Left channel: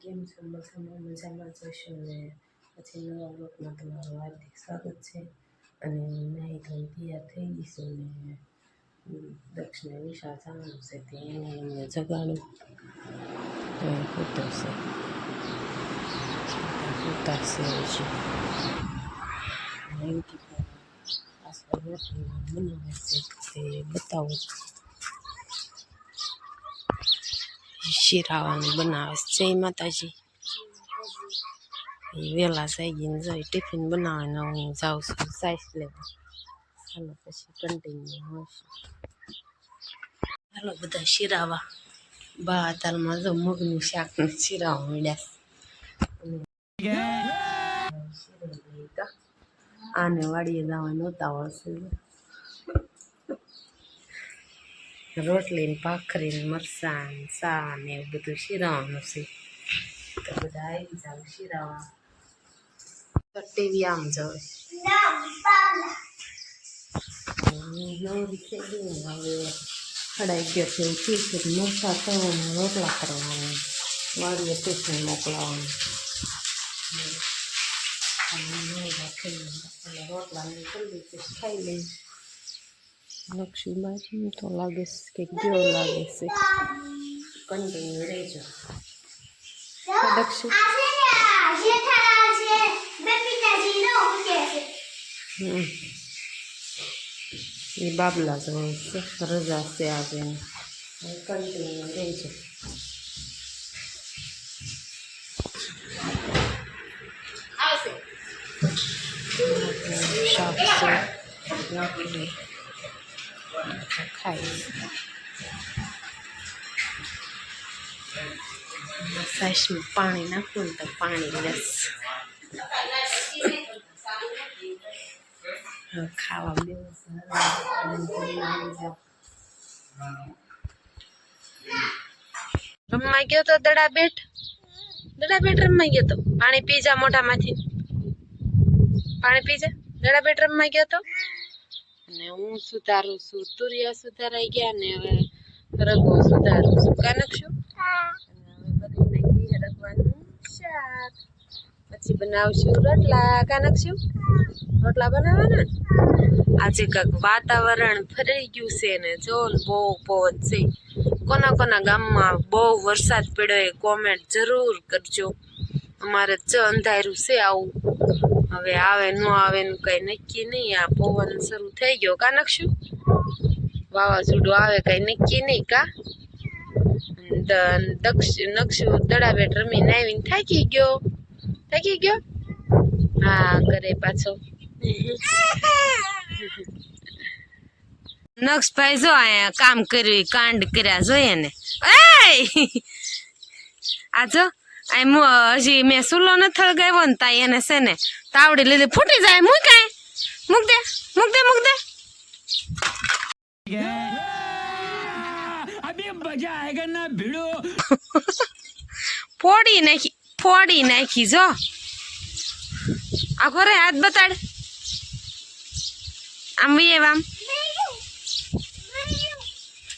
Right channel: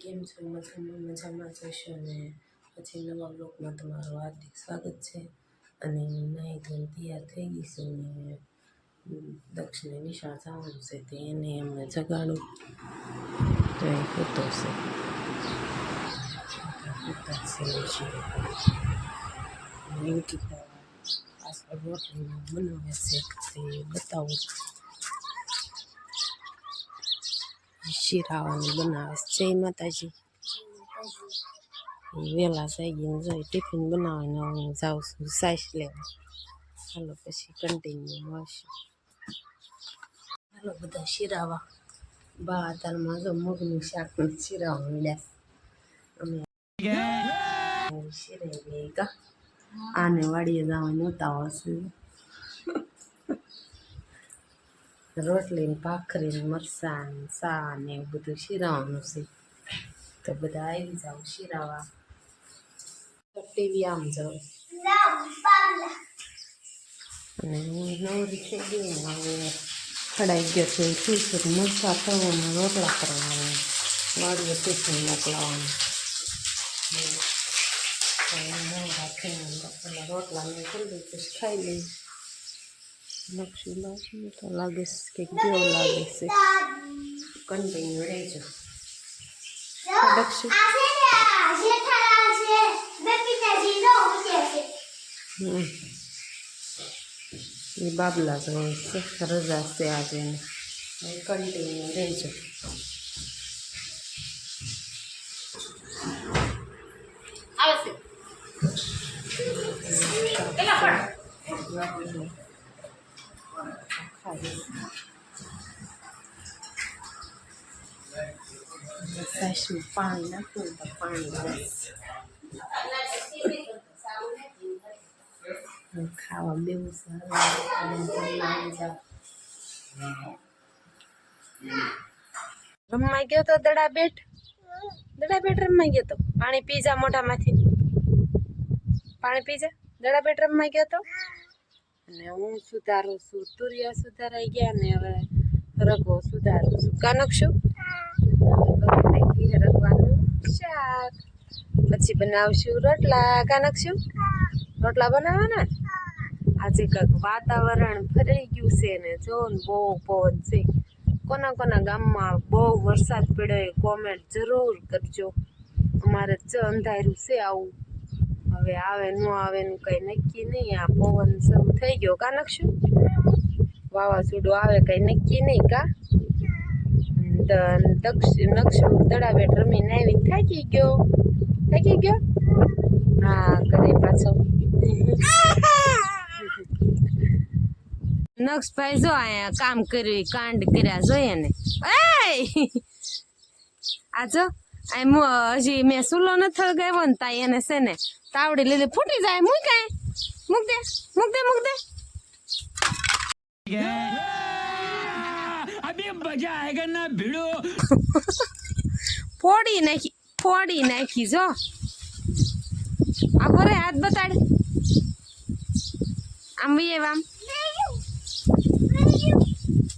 કેમ છો? મજામાં જશો ને? પછી નવા બ્લોગમાં તમારું હાર્દિક સ્વાગત છે. અને નાહી ધોઈને તૈયાર થઈ ગઈશું ને દક્ષિણે નિશાળ જવાનું છે તે એને એમને જગાડું તો એ કૂતો છે કૂતા છે યુટ્યુબ પાછળ રોટલી બનાવે છે તે બતાવું. શીરાવાનું બનાવે છે. જય માતાજી. વહેલા જઈ ગઈને જઈ ટિફિન બનાવીને હું જાઉં છું સાઈસ લેવા. હાલો પછી કન્ટિન્યુ મળશે. હાલો બધા શીરાવા બા તાલમાં જો મગનું શાક ને શીરાવા મળ્યા અમે શીરાઈ ગઈ કા આને વાડીએ જવાનું ઉતાવળ છે. રોટલી ને ભાખરી ને મરચાં ને સા ને એવું બધું શીરાવાનું છે તો બધા આવી જાવ શીરાવા. ટીવી આમ જાવ હું નવરી થઈ ગઈ ને હવે 11:30 થઈ છે. મરચાં તળવાના રોટલા કરવાના વાડીએ ટિફિન મોકલાવાનું રોટલા ને જલ્દી પછી ખાઈ લઈ. નકશી લાગી તો લાગે છે કે ગયો લાગે છે. કન્ટિન્યુ રહેજો. એ બાબલા જ રજા છે આજે કન્ટિન્યુ રહેજો. ખાઈ સાઈસમાં પાણી નાખવું ને તો પાણી લેસ ખાવા બેવું રમવા ગયો તો દડાબેટ રમવા ગયો તો. પાણી પી જા મોઢામાંથી પાણી પી જા. દડાબેટ રમવા ગયો તો અને હું સુધારું છું. તુરિયા સુધારાઈ ગયા ને હવે રગો સુધારું છું. કાનકશું રગવાનું શાક પછી બનાવશું રોટલા. કાનકશું રોટલા બનાવવાના. આજે કાંક વાતાવરણ ફરી ગયું છે ને જો ને બહુ પવન છે. કોના કોના ગામમાં બહુ વરસાદ પડ્યો એ કોમેન્ટ જરૂર કરજો. અમારે અંધારું છે આવું. હવે આવે ન આવે નું કઈ નક્કી નહીં. આ પવન શરૂ થઈ ગયો. કા નકશું વાવાઝોડું આવે કઈ નક્કી નહીં. કા નકશું દડાબેટ રમીને આવીને થાકી ગયો. હા કરે પાછો. નક્ષભાઈ જો અહીંયા કામ કર્યું કાંડ કર્યા જોઈએ ને. આ જો હજી મેં સુલો ન થળગાવ્યો ને તા એને છે ને તાવડી લીધી ફૂટી જાય. મૂક દે ફોડી નાખી જો. આખો રે હાથ બતાડ આમ આમ.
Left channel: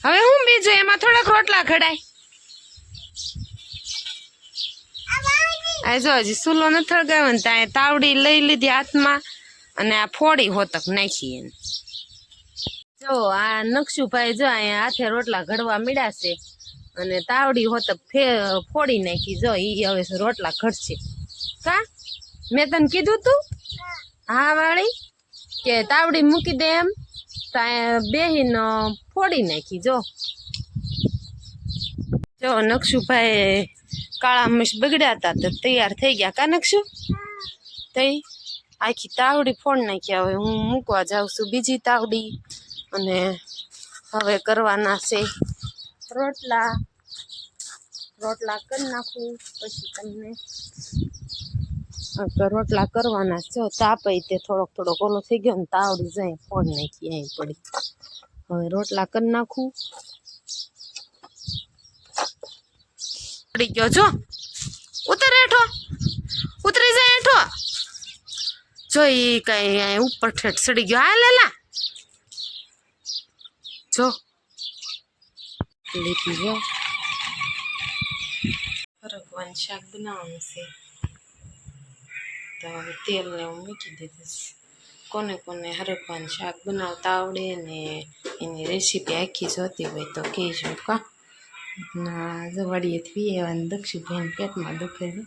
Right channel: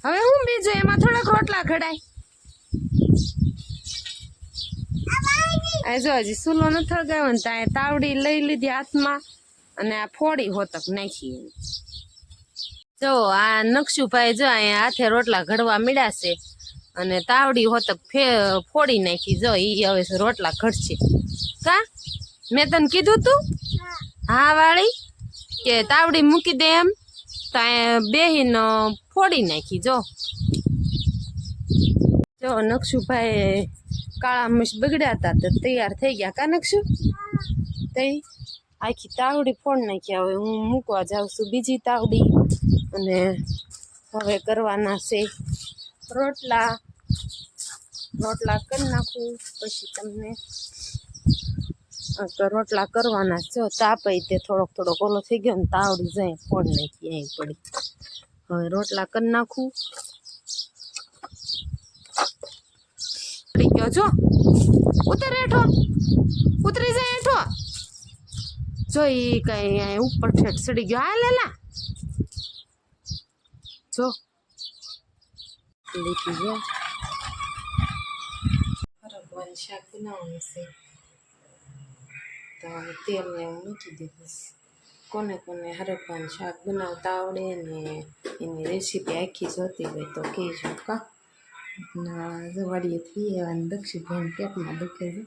હવે હું બીજું એમાં થોડાક રોટલા ઘડાય. આ જો હજી સુલો ન થળગાવ્યો ને ત્યાં તાવડી લઈ લીધી હાથમાં અને આ ફોડી હોતક નાખી એને. જો આ નકશુભાઈ જો અહીંયા હાથે રોટલા ઘડવા મળ્યા છે અને તાવડી હોતક ફોડી નાખી. જો ઈ હવે રોટલા ઘડશે. કા મેં તને કીધું તું હા વાળી કે તાવડી મૂકી દે એમ તો બેહીને ફોડી નાખી. જો નકશુભાઈ કાળા મશ બગડ્યા હતા તો તૈયાર થઈ ગયા. કા નકશું તઈ આખી તાવડી ફોડ નાખ્યા. હવે હું મૂકવા જાઉં છું બીજી તાવડી અને હવે કરવાના છે રોટલા કરી નાખું પછી તમને રોટલા કરવાના જો તાપઈ તે થોડોક ઓલો થઈ ગયો ને તાવડી જાય ફોડ નાખી અહીં પડી. હવે રોટલા કરી નાખું. પડી ગયો જો ઉતર હેઠો ઉતરી જાય હેઠો જો એ કઈ ઉપર ઠેઠ સડી ગયો. હા લેલા જો લીધી જો હરકવાનું શાક બનાવવાનું છે તો હવે તેલ ને હું મૂકી દીધું. કોને કોને હરકવાનું શાક બનાવતા આવડે ને એની રેસીપી આખી જોતી હોય તો કહેજો કા. ના જવાડીએથી એવા દક્ષિભાઈને પેટમાં દુખે છે,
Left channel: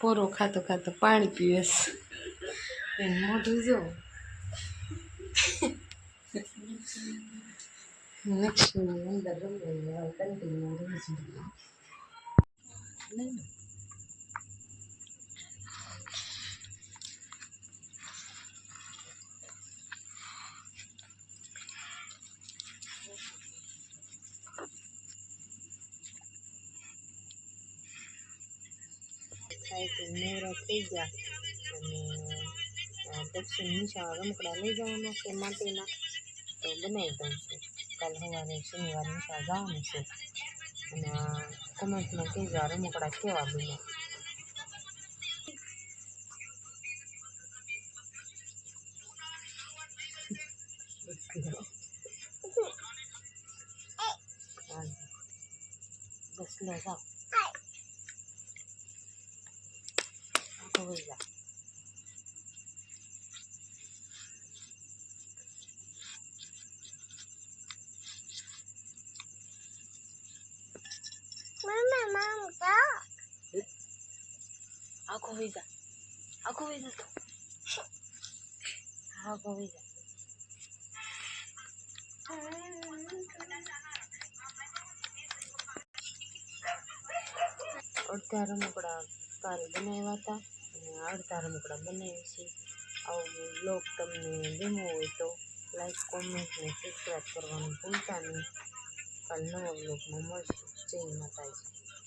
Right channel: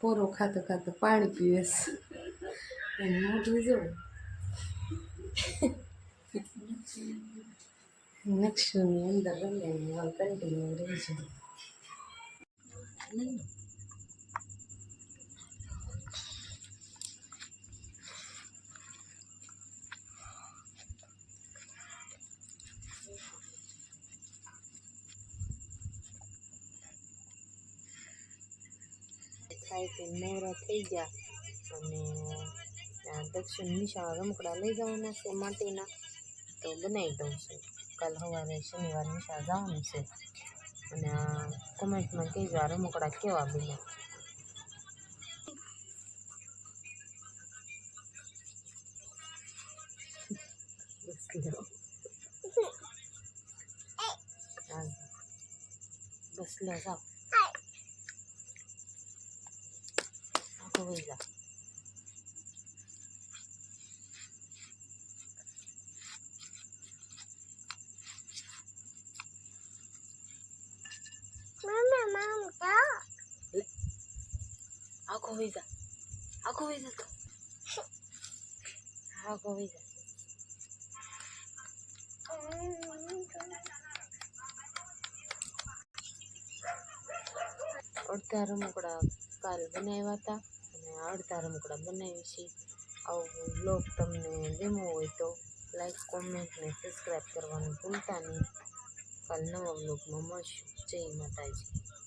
પોરો ખાતો ખાતો પાણી પીવે છે, એને મોઢું જો. નક્ષુની અંદર રમે કન્ટિન્યુ રહી છે. થાય તો નવરા થઈ ગયા અને દક્ષિણ નિશાળ રમકડા લઈ જવાના છે માટીના, તો બનાવી દઉં છું. કાલ સવારે શનિવાર નિશાળ જવાનું છે અને કોમેન્ટમાં કહેજો આ રમકડા કેવા બન્યા. બસ લે જાઓ આખો વહી જા. આખો વહી જા, આખો વહી જા તો આખો વહી જા. અડધા રમકડા કાલ બનાવ્યા હતા અને અડધા રમકડા બનાવી છે. આવો બ્લોગ તમને ગમ્યો હોય તો લાઈક, કોમેન્ટ ને સબસ્ક્રાઈબ કરવાનું ભૂલતા નહીં. કાલ નવા બ્લોગમાં મળશું. જય માતાજી.